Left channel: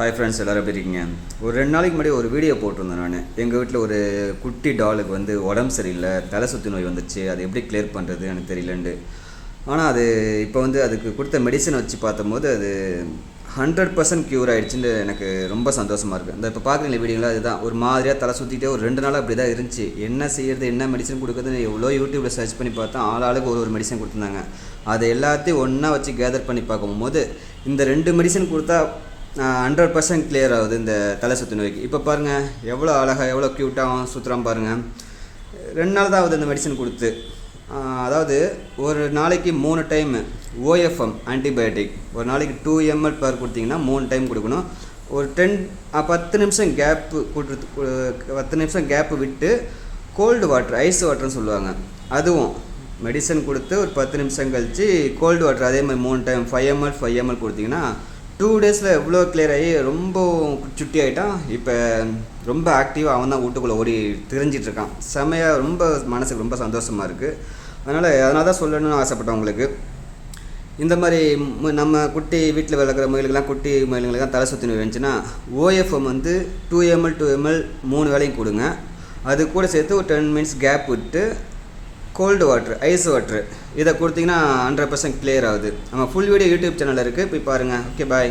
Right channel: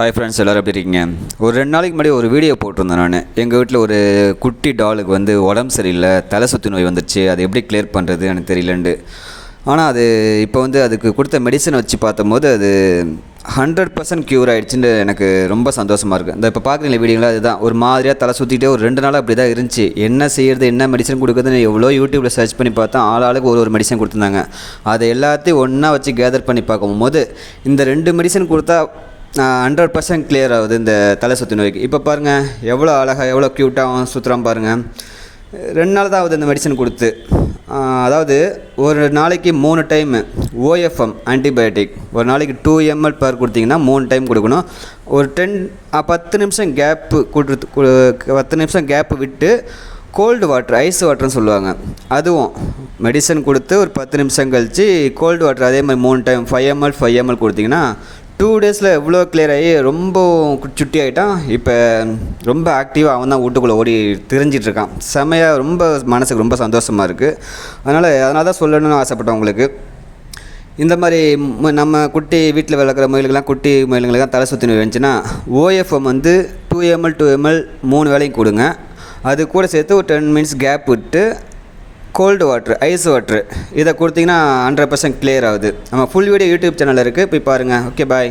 Hi friends எல்லோரும் எப்படி இருக்கீங்க? ஒரு ரெண்டு நாளைக்கு முன்னாடி ஒரு வீடியோ போட்டிருந்தேன் நான். எங்கள் வீட்டில் ஒரு குட்டி டாலுக்கு வந்து உடம்பு சரியில்லை தலை சுத்து நோய் வந்துருச்சு அதை எப்படி கிளியர் பண்ணுறது எனக்கு தெரியலண்டு ஆனால் அது இப்போ வந்து அதுக்கு கொடுத்த மெடிசன் வச்சு பார்த்தம்போது அது ஹண்ட்ரட் பர்சன்ட் க்யூர் ஆகிடுச்சுன்னு எனக்கு ரொம்ப சந்தோஷமாக இருக்குது இந்த இப்போ பார்க்குறீங்க வீடியோங்களா அதுதான். ஒரு மாதிரியாக தலை சுற்றிட்டே ஒரு ரெண்டு நாளாக அப்படி தான் இருந்துச்சு. என்ன செய்கிறது என்ன மெடிசன் கொடுக்குறதுன்னு எவ்வளோ யூடியூப்பில் சர்ச் பண்ணி பார்த்தா ஆள் ஆளுக்கு ஒரு ஒரு மெடிசன் கொடுத்துருந்தாங்க. அதை எல்லாத்தையும் ஒன்றா வச்சு கேதர் பண்ணி பார்க்கும்போது இந்த ரெண்டு மெடிசன் கொடுத்தா ஹண்ட்ரட் பர்சன்ட் கிளியர் ஆகுது இந்த தலை சுத்து நோய்க்கு. இப்போ பாருங்கள் எவ்வளோ அழகாக எவ்வளோ க்யூட்டாக சுற்றுறான் பாருங்கள் ரெண்டு நாள் தான் ஆகுது இந்த மெடிசன் கொடுத்து. அதாவது ஒரு நாளைக்கு மூணு டைம் ஓஎஃப்எம் ஆன்டிபயோட்டிக் ஒரு நாளைக்கு டூ எம்எல் பர் கொடுத்தீங்கன்னா மூணு டைம் கொடுக்கணும். ஒரு டென் பத்து நிமிஷம் கேப்பு கொடுத்து பத்து நிமிஷம் கேப்பு விட்டு கோல்டு வாட்டர் ஐஸ் வாட்டர்னு சொல்லுவாங்க. அதுவும் மெடிசன் கொடுத்து ஒரு பத்து நிமிஷம் கழித்து கோல்டு வாட்டர் அதே மாதிரி மூணு time five ML five ML கொடுத்தீங்கன்னா டூ டேஸில் எவ்வளோ கிளியர் ஆகி ரொம்ப சுட்டி ஆகிட்டான் இப்போ ரொம்ப ஆக்டிவாக அவன் தான் வீட்டுக்குள்ளே ஓடி தெரிஞ்சிட்ருக்கான் செமையாக ரொம்ப மனசுக்கு ரொம்ப சந்தோஷமாக இருக்குது அதனால் அதனால் தான் சொல்லணும்னு ஆசைப்பட்டேன் உங்களுக்கு. இந்த மாதிரி நம்ம குட்டி வீட்டில் வளர்க்குற முயல்கள்லாம் குட்டி மயிலுங்களுக்கெல்லாம் தலை சுற்றி வந்துச்சுன்னா ஓஎஃப்எம் வந்து டூ எம்எல் டூ எம்எல் மூணு வேளையும் கொடுங்க. அது கூட சேர்த்து ஒரு டென் மினிட்ஸ் கேப் விட்டு கோல்டு வாட்ரு ஐஸ் வாட்ரு இதை கொடுத்தீங்கன்னா ஹண்ட்ரட் பர்சன்ட் கிளியர் ஆகுது. நம்ம ஃபுல் வீடியோ யூடியூப் சேனலில் இருக்குது போய் பாருங்கள் ஓகே பாய்